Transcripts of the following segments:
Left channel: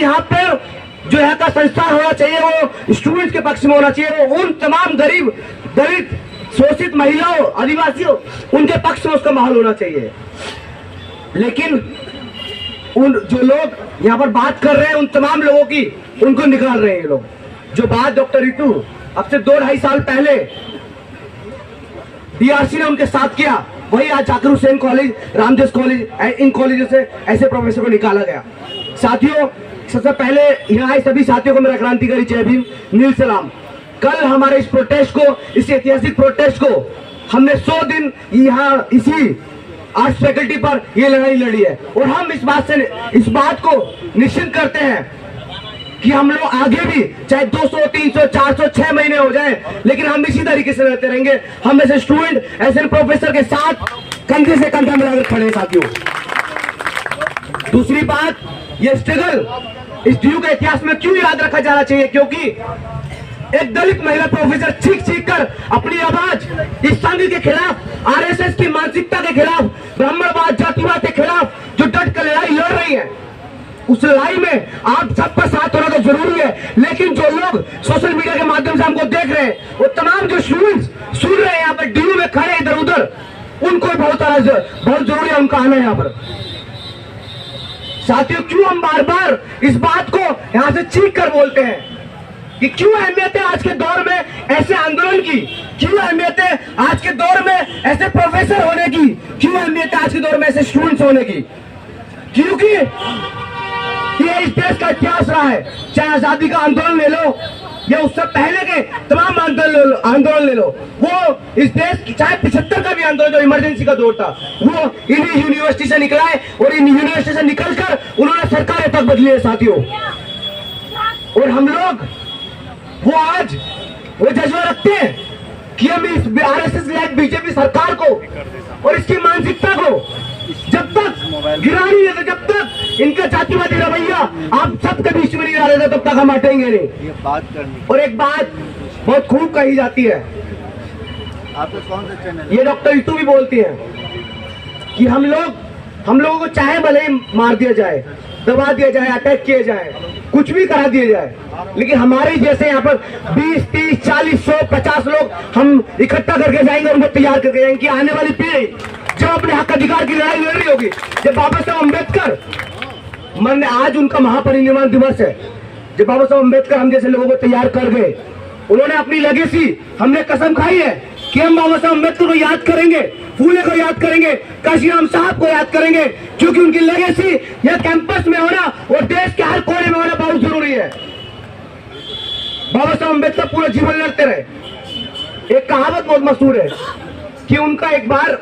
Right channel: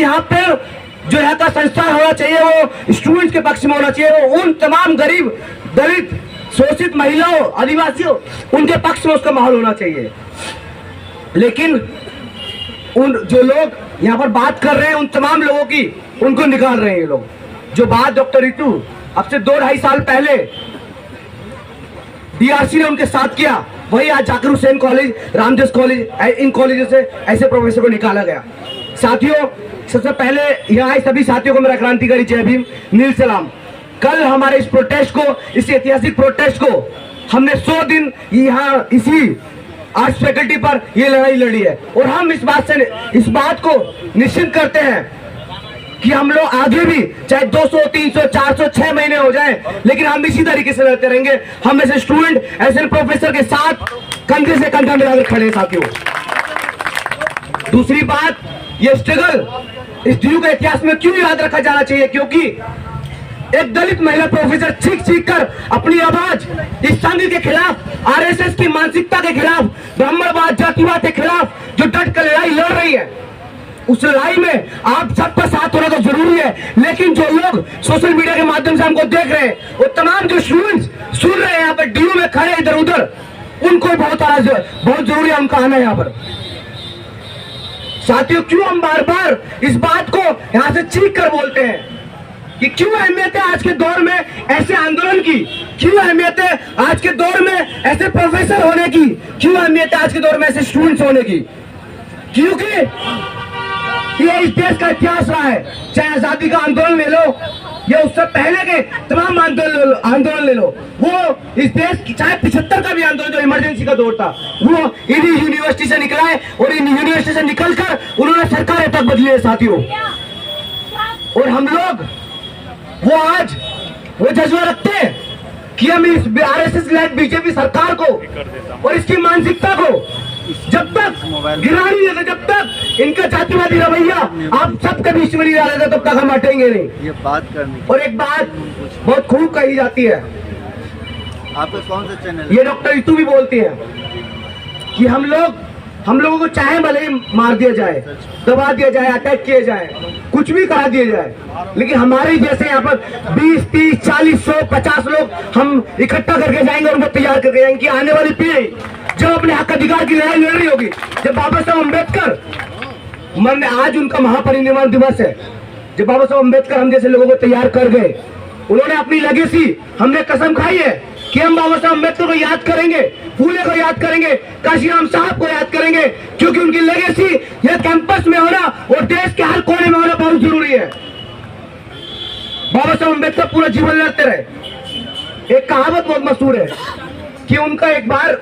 यहाँ पे जो यहाँ का संस्थान होना चाहिए वो स्टूडेंट्स के पक्ष में होना चाहिए, वो उन तमाम गरीब, दलित, शोषित महिलाओं, आदिवासियों, उनके पक्ष में उसका माहौल होना चाहिए। लेकिन उन जो लोग यहाँ पर बात कर रहे हैं उन तमाम लोगों की, उनको निकाल रहे हैं ये लोग। जो बात डॉक्टर रितु अब से 2-2.5 साल पहले डीआरसी ने उनके साथ किया, वही आज जाकिर हुसैन कॉलेज, रामदास कॉलेज, इन कॉलेजों से ऐसे प्रोफेसर को निकाला गया। साथियों, सबसे पहले यहाँ आए सभी साथियों को मेरा क्रांतिकारी जय भीम, नील सलाम। कल हमारे इस प्रोटेस्ट को, इस ऐतिहासिक प्रोटेस्ट को हमने 100 दिन यहाँ इसी आर्ट्स फैकल्टी पर ये लड़ाई लड़ी है, और हम इस बात को निश्चित करते हैं कि हम लोग आगे भी चाहे 200, 300, 400, 6 महीने हो जाए, लेकिन हम इसी तरीके से लड़ते रहेंगे। हम ऐसे स्टूडेंट, ऐसे प्रोफेसर के साथ कंधे से कंधा मिलाकर खड़े हैं साथियों। दूसरी बात, ये स्ट्रगल इस डीयू के इतिहास में क्यों याद रखा जाना चाहिए? क्योंकि एक दलित महिला प्रोफेसर चीख कर अपनी आवाज इस संघ के खिलाफ, आरएसएस की मानसिकता के खिलाफ, ब्राह्मणवाद, जातिवाद के खिलाफ जो डट कर लड़ाई लड़ रही है, उस लड़ाई में आप सबका साथ होना तो जरूरी है। लेकिन जो लोग सोशल मीडिया के माध्यम से हमको देख रहे हैं, वो तमाम जो स्टूडेंट्स सुन रहे हैं यहाँ पर डीयू में खड़े इधर उधर, उनको बहुत जरूरी है उनका आना यहाँ पर। साथियों, क्यों हम बार बार इस बात को यहाँ से चीख कर बोलते हैं कि क्यों अहमियत है आज के दौर में ऐसे आंदोलन की, क्यों अहमियत है आज के दौर में ऐसे प्रोफेसर होने की, क्यों अहमियत है आज के दौर में ऐसे स्टूडेंट्स होने की? क्योंकि ये इस देश का इतिहास रहा है। चाहे आजादी का आंदोलन ले लो या उससे पहले के तमाम आंदोलन ले लो, वो इस देश की, चाहे 75 का भी आंदोलन जो इमरजेंसी का दौर था, वो इन्हीं यूनिवर्सिटी से निकला है, और इन यूनिवर्सिटी से निकलकर उन्होंने सरकारें तक बदली है साथियों। और हम लोग आज वो जज्बा रखते हैं कि हम इस आरएसएस लेड बीजेपी सरकार को और इसकी मानसिकता को जब तक गिरा नहीं है, जब तक इनका जातिवादी रवैया आप सबके बीच में नहीं आ रहे, तब तक हम हटेंगे नहीं। ये बात करनी। और एक बात बहुत खूब कही जाती है, आपका कौन सा चैनल? ये डॉक्टर रितु भी बोलती है कि हम लोगों को चाहे भले ही मार दिया जाए, दबा दिया जाए, अटैक किया जाए, कुछ भी करा दिया जाए, लेकिन हमारे जैसे यहाँ पर 20, 30, 40, 100, 50 लोग हम इकट्ठा करके जाएंगे, उनको तैयार करके जाएंगे कि आने वाली पीढ़ी जो अपने हक अधिकार की लड़ाई लड़ रही होगी, जब बाबा साहब अम्बेडकर मरने, आज उनका महापरिनिर्वाण दिवस है, जब बाबा साहब अम्बेडकर हम जैसे लोगों को तैयार कर गए, उन्होंने अपनी लेगेसी, हमने कसम खाई है कि हम बाबा साहब अम्बेडकर को याद करेंगे, फूले को याद करेंगे, काशीराम साहब को याद करेंगे, क्योंकि उनकी लेगेसी यह कैंपस में होना और देश के हर कोने में होना बहुत जरूरी है। बाबा साहब अम्बेडकर पूरा जीवन लड़ते रहे। एक कहावत बहुत मशहूर है कि उनका एक बार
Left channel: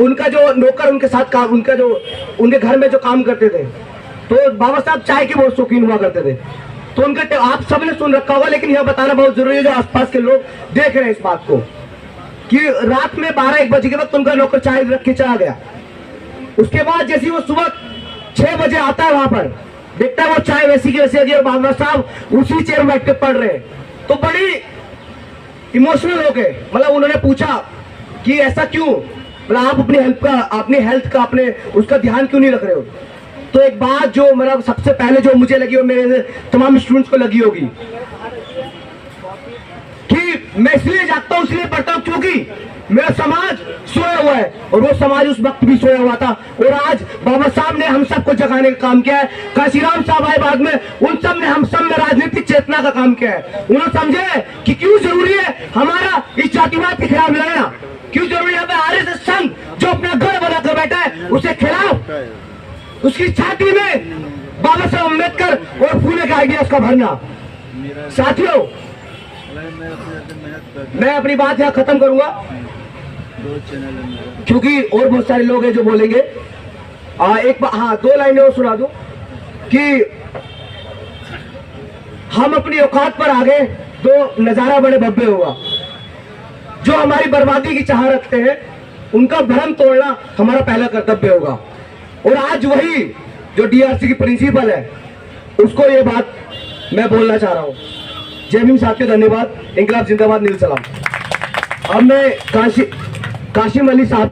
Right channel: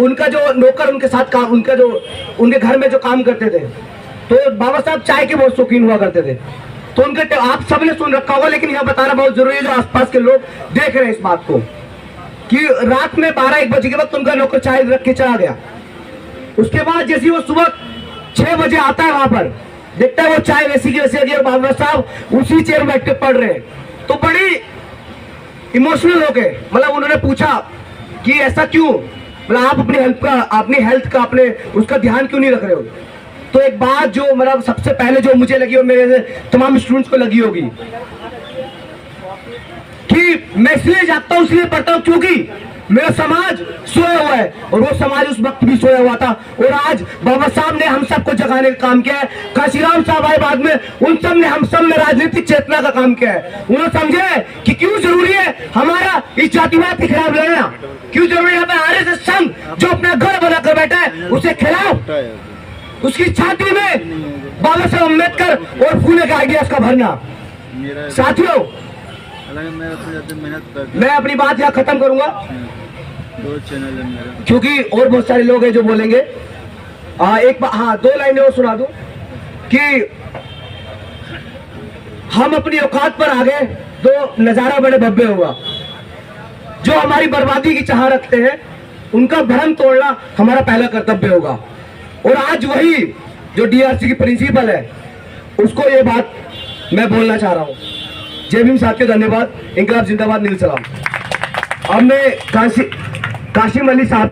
उनका जो नौकर उनके साथ काम, उनके घर में जो काम करते थे, तो बाबा साहब चाय के बहुत शौकीन हुआ करते थे, तो उनके, आप सबने सुन रखा होगा, लेकिन यह बताना बहुत जरूरी है जो आसपास के लोग देख रहे हैं इस बात को, कि रात में 12-1 बजे के वक्त उनका नौकर चाय रख के चला गया। उसके बाद जैसे वो सुबह 6 बजे आता है, वहां पर देखता है वो चाय वैसी की वैसी है, बाबा साहब उसी चेयर में बैठ के पढ़ रहे हैं। तो बड़ी इमोशनल हो गए, मतलब उन्होंने पूछा कि ऐसा क्यों, मतलब आप अपनी हेल्थ का अपने उसका ध्यान क्यों नहीं रख रहे हो? तो एक बात जो मतलब सबसे पहले जो मुझे लगी और मेरे तमाम स्टूडेंट्स को लगी होगी कि मैं इसलिए जागता हूं, इसलिए पढ़ता हूं क्योंकि मेरा समाज सोया हुआ है, और वो समाज उस वक्त भी सोया हुआ था, और आज बाबा साहब ने हम सबको जगाने का काम किया है। काशीराम साहब आए बाद में, उन सब ने हम सब में राजनीतिक चेतना का काम किया है। उन्होंने समझे कि क्यों जरूरी है हमारा इस जातिवाद के खिलाफ लड़ना, क्यों जरूरी है आरएसएस संघ जो अपना घर बनाकर बैठा है उसके खिलाफ, उसकी छाती में बाबा साहब अम्बेडकर और फूले के आइडियाज का भरना। साथियों, मैं अपनी बात यहाँ खत्म करूंगा क्योंकि और बहुत सारे लोग हैं जो बोलेंगे। हाँ, 2 लाइनें और सुना दूं कि हम अपनी औकात पर आ गए तो नजारा बड़े भव्य हुआ। जो हमारी बर्बादी की चाह रखते हैं उनका भ्रम तोड़ना हमारा पहला कर्तव्य होगा। और आज वही जो डीआरसी की प्रिंसिपल है उसको ये बात मैं बोलना चाह रहा हूँ। जय भीम साथियों, धन्यवाद। इंकलाब जिंदाबाद, नील सलाम। अब मैं काशिम अली साहब